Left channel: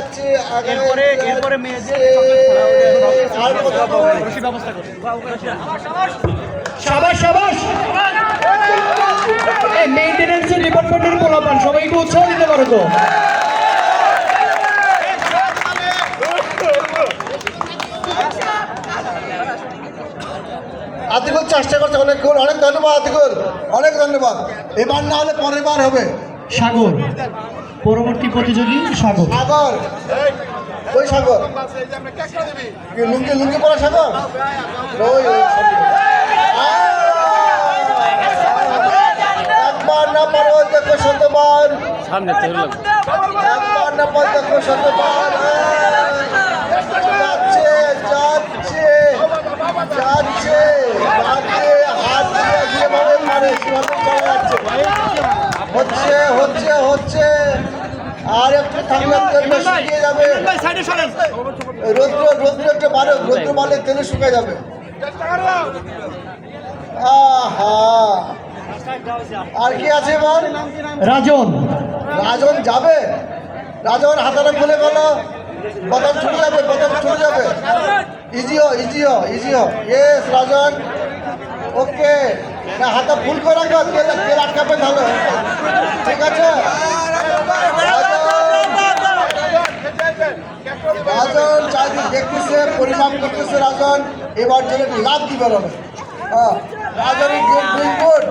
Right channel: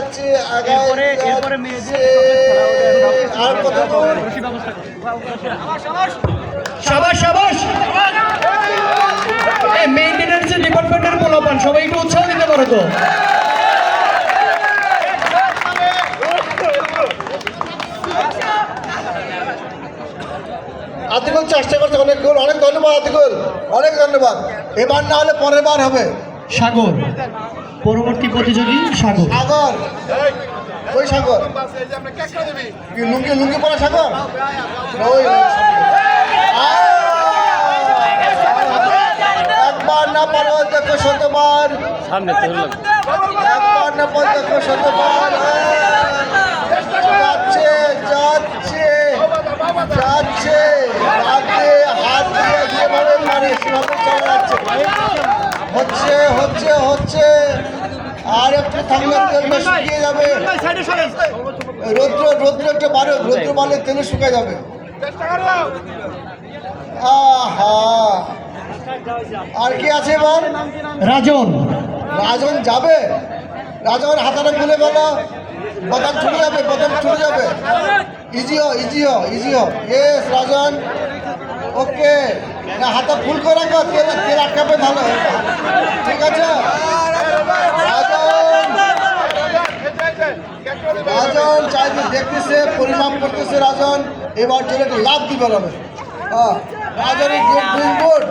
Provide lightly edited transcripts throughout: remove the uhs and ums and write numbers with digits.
যাচ্ছে আর কত সাবাস সাবাস মেইনটেনেন্সের ডিপার্টমেন্টের পোলাপান সবাই একটু উৎসাহ দিতে পারো তো। আতিকুল চেষ্টা করছে অনেকক্ষণ, অনেক ধন্যবাদ আতিকুল, অনেক ধন্যবাদ। এবার না হলে পরের বার হবে। সাগর পরবর্তী প্রতিযোগী সাগর। সাগর ওই সাগর লুঙ্গি লুঙ্গি পরা সাগর ওই একবার না পারো দেখো শতবার, সামনে তো লাগবে একবার না পারো দেখো শতবার। যাচ্ছে যাচ্ছে যাচ্ছে যাচ্ছে হাত দিয়ে দিয়ে ভালো মারে সেভাবে চলা যাচ্ছে। হচ্ছে হচ্ছে হচ্ছে আর একটু থাকলে তেল শুকিয়ে যাবে। রৌদ্র রৌদ্র একটু বাড়ে, রৌদ্র বাড়লে তেলে শুকিয়ে যাবে। আহা আর কি আছে এবার? রাজন রাজন যাবে, রাজন হাতাটা খুলে বলো, বাদাম ছুটে যাবে, বাদাম ছুটে যাবে। ইজিও ইজিও ইজিও ইয়েস রাজন ওকে। না হাতা ফুল করে রাখো, তেল তেল আটকাবে ভালো, ঠিক আছে। রাজন চাইছে দেখতেছে, পরিমাপ করতেছে রাজন, এবার চলে লাভ দিবে হবে। হ্যাঁ রাজন ডুইং গুড।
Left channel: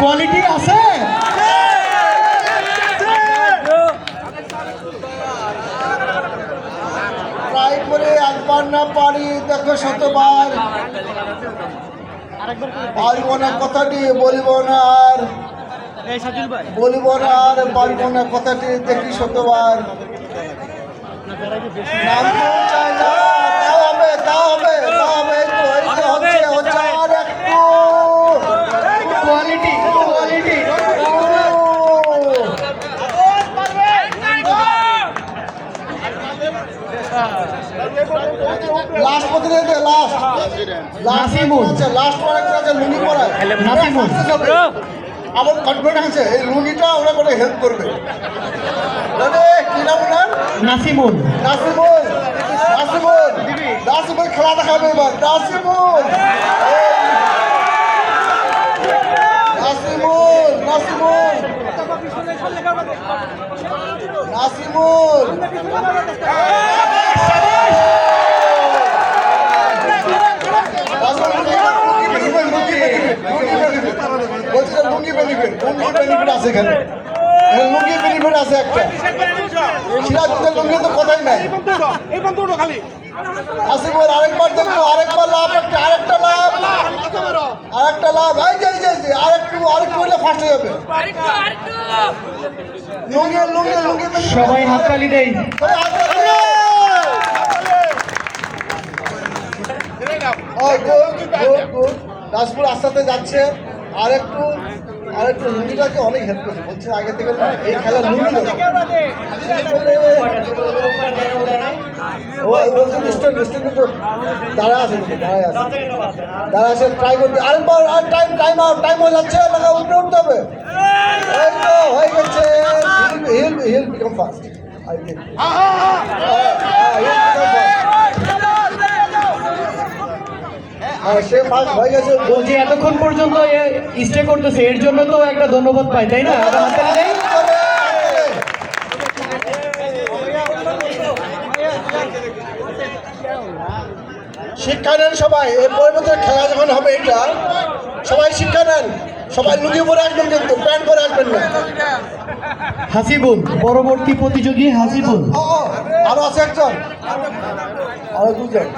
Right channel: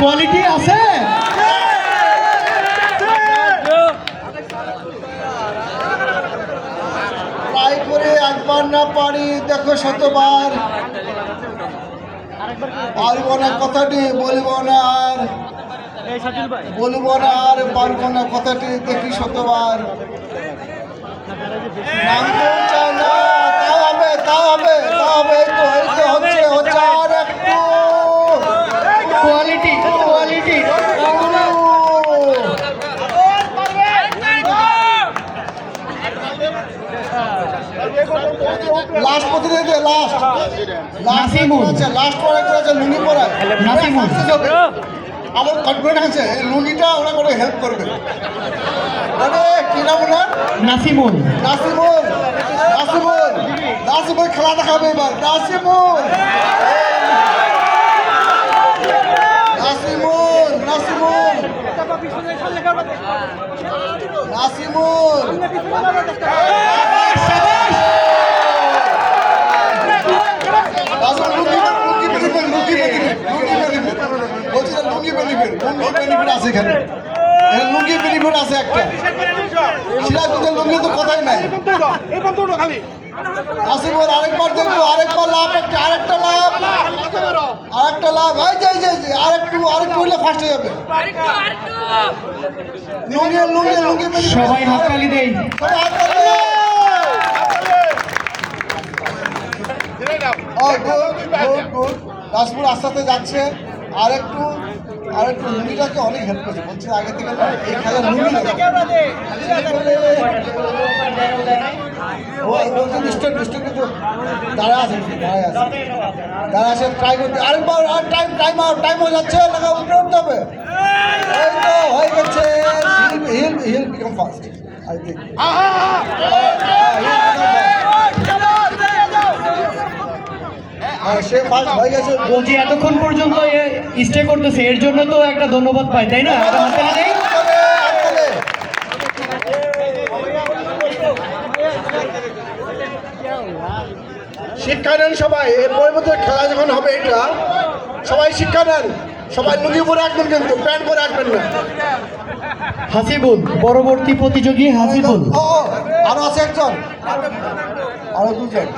কোয়ালিটি আছে। ট্রাই করে একবার না পারি দেখো শতবার। পারব না কথাটি বলিব না আর, বলিব না আর পারব না কথাটি দেখি শতবার। নাম তো চায় না, তাও হবে তাও হবে তাও হবে, এই তো হচ্ছে হচ্ছে আর একটু কোয়ালিটি কোয়ালিটি লাস্ট প্রতিনিধি লাস্ট নাসিমুল। লাস্ট পরে আছে লুঙ্গি পরা নাসিমুল। আমার কনফিডেন্স আছে এই লুঙ্গিটা ওরা করে হেল্প করবে। মানে কি নাম ওনার? নাসিমুল। নাসিমুল নাসিমুল নাসিমুল খেলা দেখাবে এবার। নাসিমুল নাসিমুল নাসিমুল নাসিমুল লুঙ্গি বেনিফিট আছে এখানে, লুঙ্গি বেনিফিট আছে একটা। সিরাজুদ্দের লুঙ্গি তো কথাই নাই। আসিফুল আরেকবার দেখবো, আরেকবার লাভ, একটা আরেকটা লাভ, আরেকটা লাভ। এই যে আরেকটু আরেকটু হলে ফার্স্ট হয়ে যাবে। লুঙ্গি লুঙ্গি লুঙ্গি সবাই হাততালি দেই। নাসিমুল আস্তে আস্তে যাচ্ছে, আরেকটু আরেকটু লুঙ্গিটাকে অনেক হেল্প করছে, বলছে আগে থেকে এই খেলা লুঙ্গি কিন্তু দাঁড়া আছে, দাঁড়া আছে ট্রাই করতে। আরেকবার আর টাইম টাইম আউট, টাইম হয়ে যাচ্ছে, টাকা উপরে উঠতে হবে। এই তো হয়ে গেছে, he'll become first I think. সে ফার্স্ট হয়ে গেছে। বলছি এতক্ষণ পর্যন্ত স্টে করতেছে, এর জন্য তো একটা ধন্যবাদ পাই, তাই না? একটা হাততালি দেই। শিক্ষা নেন সবাই, এর পরিবর্তে খেলা যখন হবে এটা সবাই শিক্ষা নেন, সবাই লুঙ্গি পরে রাখবেন কিন্তু প্যান্ট পরে রাখবেন না। হাসিবুল পরবর্তী প্রতিযোগী হাসিবুল। আরো আছে একজন, আরো দুজন।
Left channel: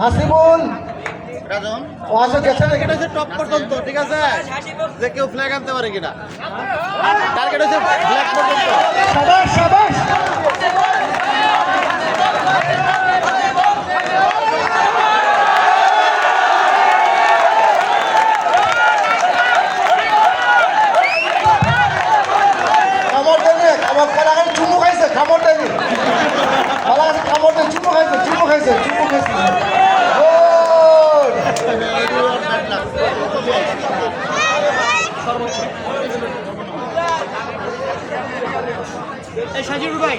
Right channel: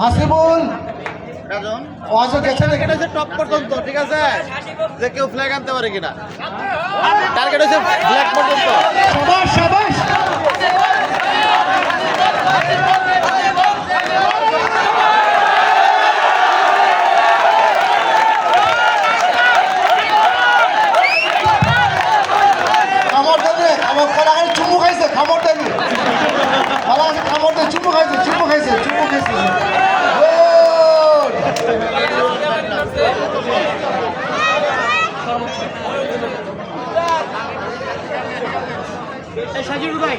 হাসিবুল ও আসো গেছে দেখে টপ পর্যন্ত, ঠিক আছে, যে কেউ ফ্ল্যাগ আনতে পারে কিনা। টার্গেট হচ্ছে ফ্ল্যাগ পর্যন্ত। সাবাস সাবাস। খাবার দেবে, আমার কলাগান চুমু খাইছে, খাবার দেবে, খাবার দেবে, চুমু খাইছে, চুমু খাইছে, চুমু খাইছে। সাজির ভাই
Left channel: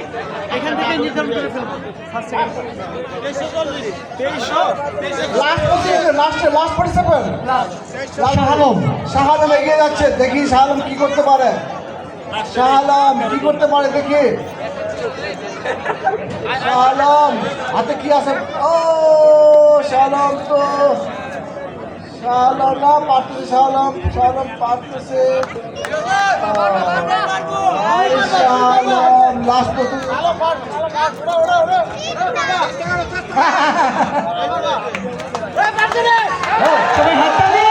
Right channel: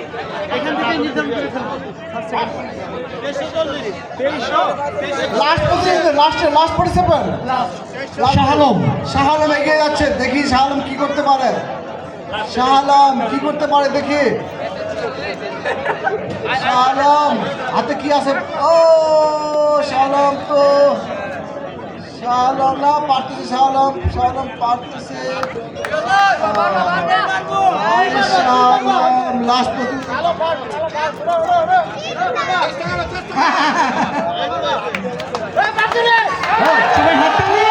এখান থেকে নির্ধারণ করে ফেলবো লাস্ট পার্টিসিপেন্ট শাহ আলম এগিয়ে যাচ্ছে, দেখি শাহ আলম কি করতে পারে, শাহ আলম কি করতে পারে দেখি। শাহ আলম হাতে কি আছে? ও শাহ আলম তো শাহ আলম না পারতেছে, শাহ আলম পারতেছে। শাহ আলম লাস্ট সবাই হাত তালি